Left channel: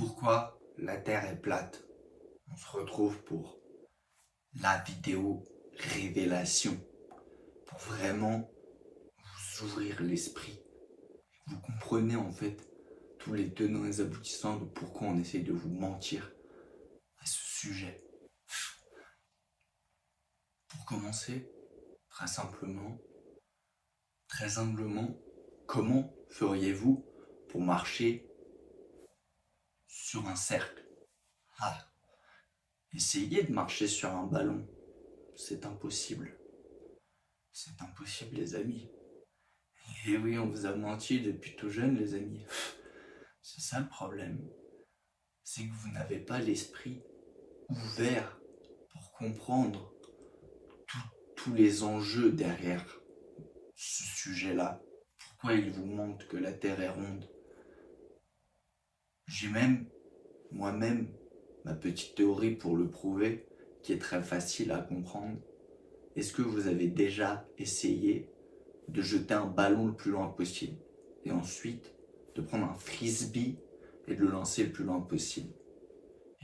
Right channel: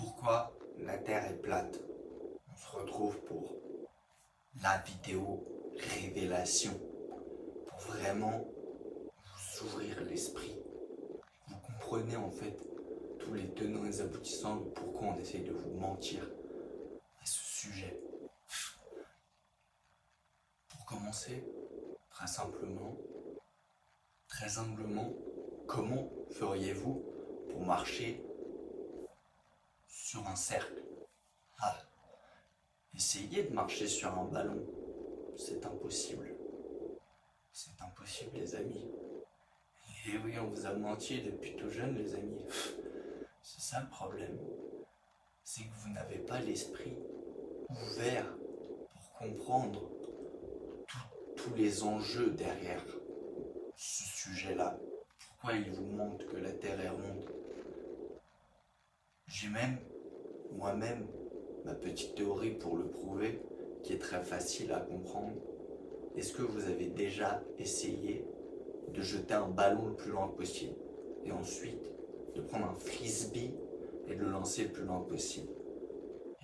Pourquoi la Terre est plate? On se retrouve pour la vidéo révélation, pour vraiment vous ouvrir l'esprit. Vous comprenez en fait tous les tenants et les aboutissants de pourquoi on essaie de vous mentir à ce sujet. Pour commencer, très humblement, comment feriez-vous pour marcher sur un cercle? Essayez de marcher sur un ballon. C'est impossible. C'est impossible, les amis. Et oui, on vous a menti depuis tout jeune, les amis. C'est ça le problème. C'est que vous n'avez pas l'esprit ouvert pour comprendre tous les enjeux derrière ce sujet-là. Pourquoi il vous montre que la Terre est ronde? J'ai même, moi-même, ma petite théorie pour le prouver, qui est très facile à comprendre. Est-ce que vous avez déjà essayé de jeter un ballon le plus loin possible et ensuite de prendre un frisbee et de le lancer le plus loin possible?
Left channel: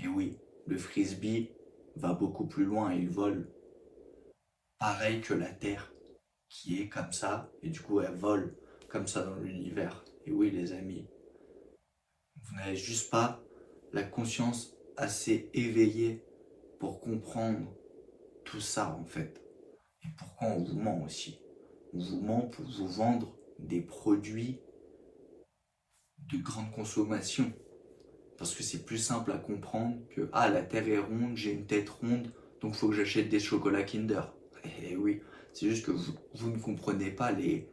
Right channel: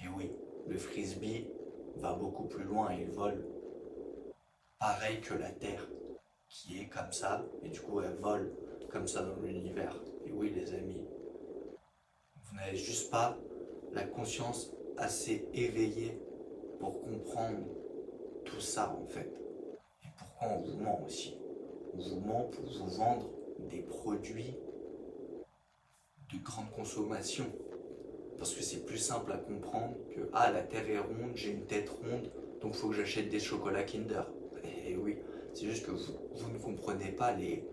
Et oui, le frisbee va beaucoup plus loin et il vole. Pareil que la Terre, qui est comme ça, et du coup elle vole comme ça dans l'univers. Et oui, les amis, vous n'avez juste pas la conscience assez éveillée pour comprendre tout ça en fait. Et pourquoi on vous ment aussi? On vous ment pour vous vendre des produits de grande consommation. Parce que c'est plus simple à comprendre que la Terre est ronde, j'ai une tête ronde, donc il faut que j'achète des chocolats Kinder. Et oui, c'est juste que vous ne comprenez pas les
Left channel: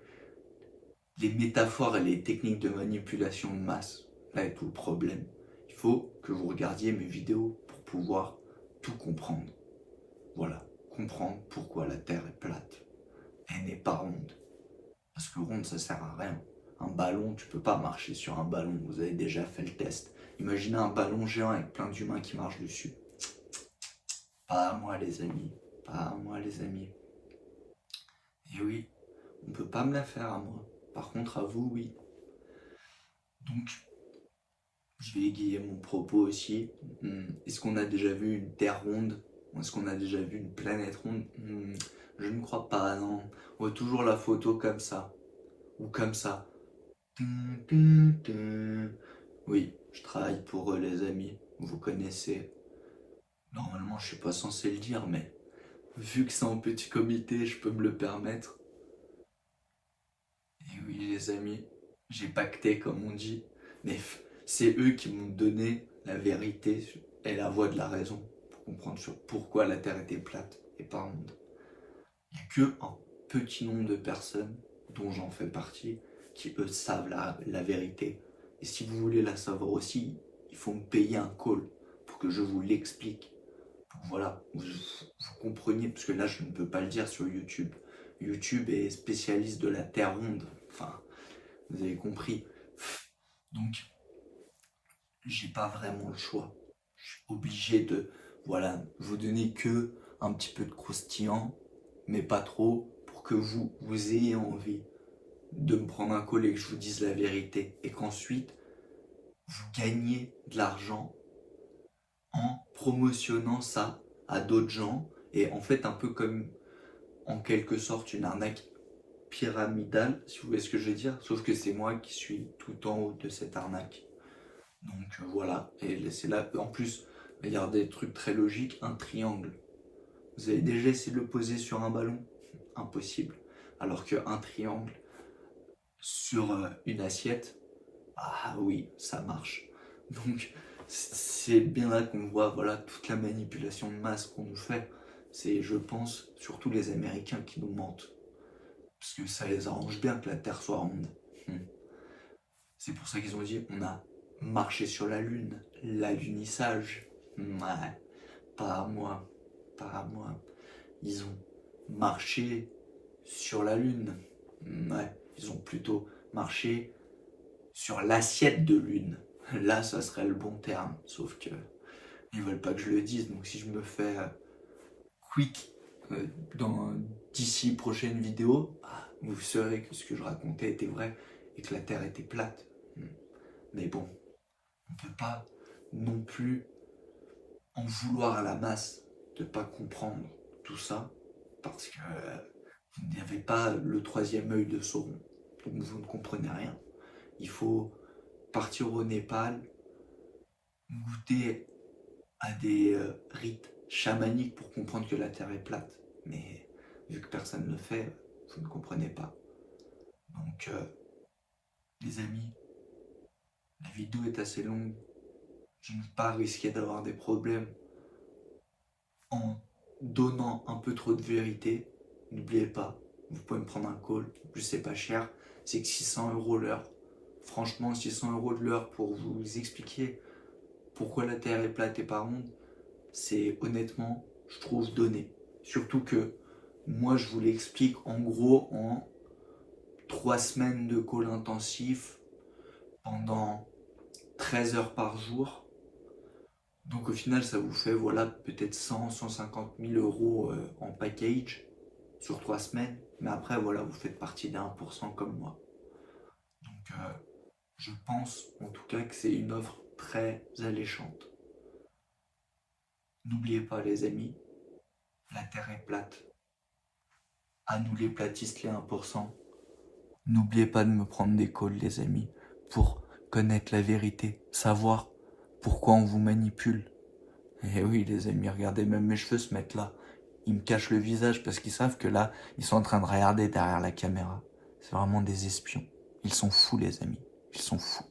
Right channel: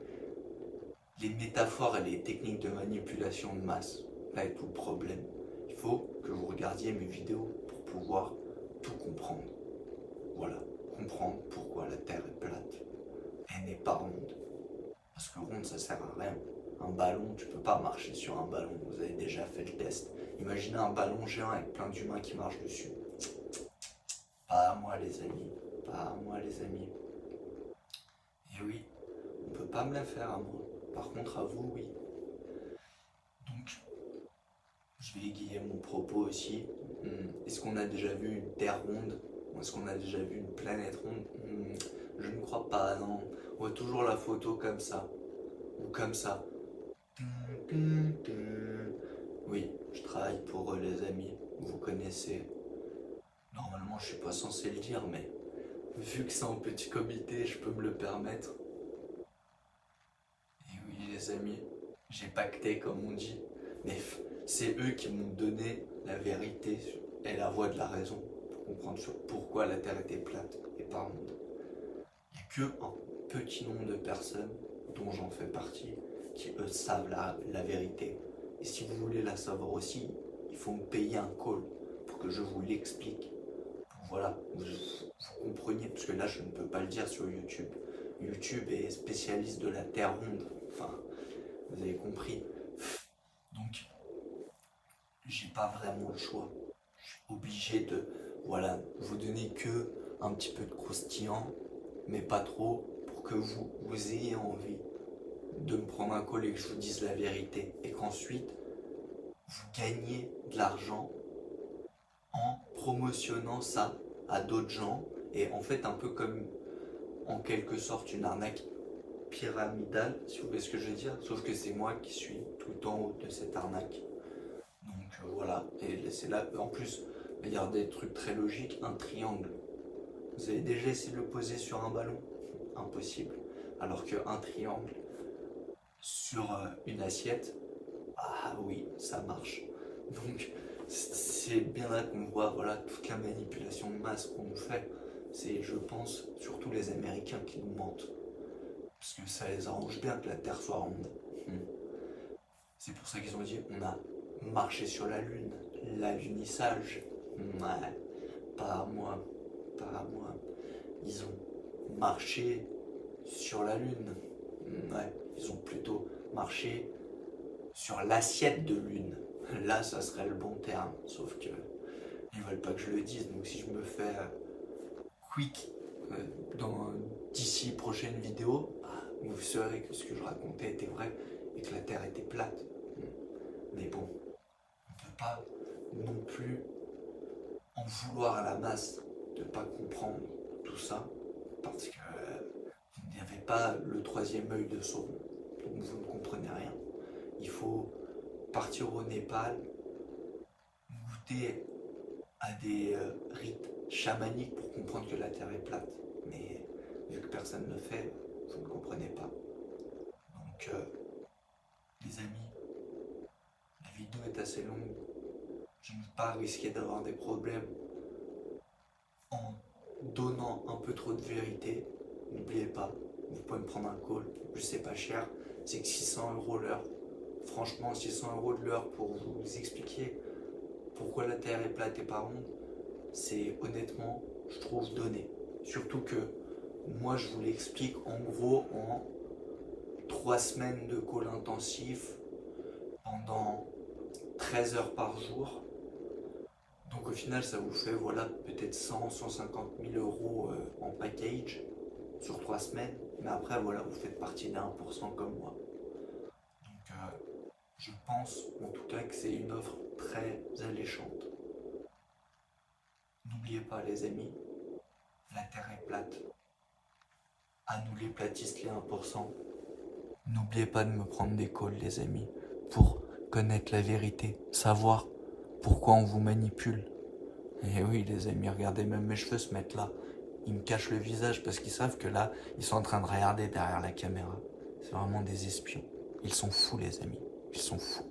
métaphores et les techniques de manipulation de masse. Là est tout le problème. Il faut que vous regardiez mes vidéos pour pouvoir tout comprendre. Voilà, comprendre pourquoi la Terre est plate. Elle n'est pas ronde. Parce que ronde, ça sert à rien. Un ballon, tu peux pas marcher sur un ballon. Vous avez déjà fait le test. Imaginez un ballon géant avec plein d'humains qui marchent dessus. Pas à moi, les amis. Pas à moi, les amis. Et oui, on peut pas me la faire à moi. Par contre, à vous, oui. Donc, je vais égayer mon propos aussi. Est-ce qu'on a déjà vu une Terre ronde? Ou est-ce qu'on a déjà vu une planète ronde? Je ne crois pas, non. On voit toujours la photo comme ça. Ou comme ça. Oui, je travaille pour eux, les amis. Vous connaissez. Normalement, je suis pas censé le dire, mais vu que c'est en petit comité, je peux me le permettre. Et oui, les amis, j'ai pacté, comme on dit. Mais c'est eux qui m'ont donné la vérité et la voie de la raison pour comprendre sur pourquoi la Terre était plate et pas ronde. Il n'y a que un petit nombre de personnes, dont j'en fais partie, qui eux savent la vérité. Et si vous voulez la savoir aussi, il faut me payer un call pour que je vous l'explique. Voilà, vous compreniez, parce que là je ne peux pas le dire sur YouTube. YouTube est spécialiste de la Terre ronde. Enfin, vous avez compris. Donc, j'ai pas vraiment le choix. Je suis obligé de, voilà, vous donner que un petit peu de croustillant, mais pas trop, pour que vous ayez envie de me prendre un call et que je vous dise la vérité. Et qu'ensuite, vous gagnez de l'argent en promotionnant ça à d'autres gens. Et en fait, un peu comme, en quelque sorte, une arnaque pyramidale, si vous voyez ce que je veux dire. Sauf que c'est moi qui suis tout en haut de cette arnaque. Donc voilà, et c'est là, en plus, il y a des trucs très logiques, un triangle. Vous avez déjà essayé de le poser sur un ballon? Impossible. Alors qu'un triangle sur une assiette, oui, ça marche. Donc c'est bien là qu'on voit voilà, toute la manipulation de masse qu'on nous fait. C'est, je pense, surtout les Américains qui nous mentent. Parce que ça les arrange bien que la Terre soit ronde. C'est pour ça qu'ils ont dit on a marché sur la Lune, l'alunissage. Ouais, pas à moi, pas à moi. Ils ont marché sur la Lune. Ouais, ils ont plutôt marché sur l'assiette de Lune. Là, ça serait le bon terme. Sauf que ils veulent pas que je le dise. Donc si je me fais quick d'ici prochaine vidéo, vous saurez que ce que je racontais était vrai et que la Terre était plate. Mais bon, on peut pas non plus en vouloir à la masse de ne pas comprendre tout ça, parce que vous n'avez pas le troisième œil de Sauron, donc vous ne comprenez rien. Il faut partir au Népal, goûter à des rites chamaniques pour comprendre que la Terre est plate. Mais vu que personne ne le fait, vous ne comprenez pas. Donc, les amis, la vidéo est assez longue. Je ne veux pas risquer d'avoir des problèmes en donnant un peu trop de vérité. N'oubliez pas, vous pouvez me prendre un call. En plus, c'est pas cher. C'est que 600 € l'heure. Franchement, 600 € de l'heure pour vous expliquer pourquoi la Terre est plate et pas ronde, c'est honnêtement, je trouve, donné. Surtout que moi, je vous l'explique en gros en 3 semaines de call intensif pendant 13 heures par jour. Donc au final, ça vous fait voilà, peut-être 100-150 000 € en package sur 3 semaines. Mais après, voilà, vous faites partie des 1% comme moi. Donc je pense en tout cas que c'est une offre très alléchante. N'oubliez pas les amis, la Terre est plate. À nous les platistes, les 1%. N'oubliez pas de me prendre des calls les amis, pour connaître la vérité, savoir pourquoi on vous manipule. Et oui les amis, regardez, même mes cheveux se mettent là. Ils me cachent le visage parce qu'ils savent que là, ils sont en train de regarder derrière la caméra. C'est vraiment des espions. Ils sont fous les amis, ils sont fous.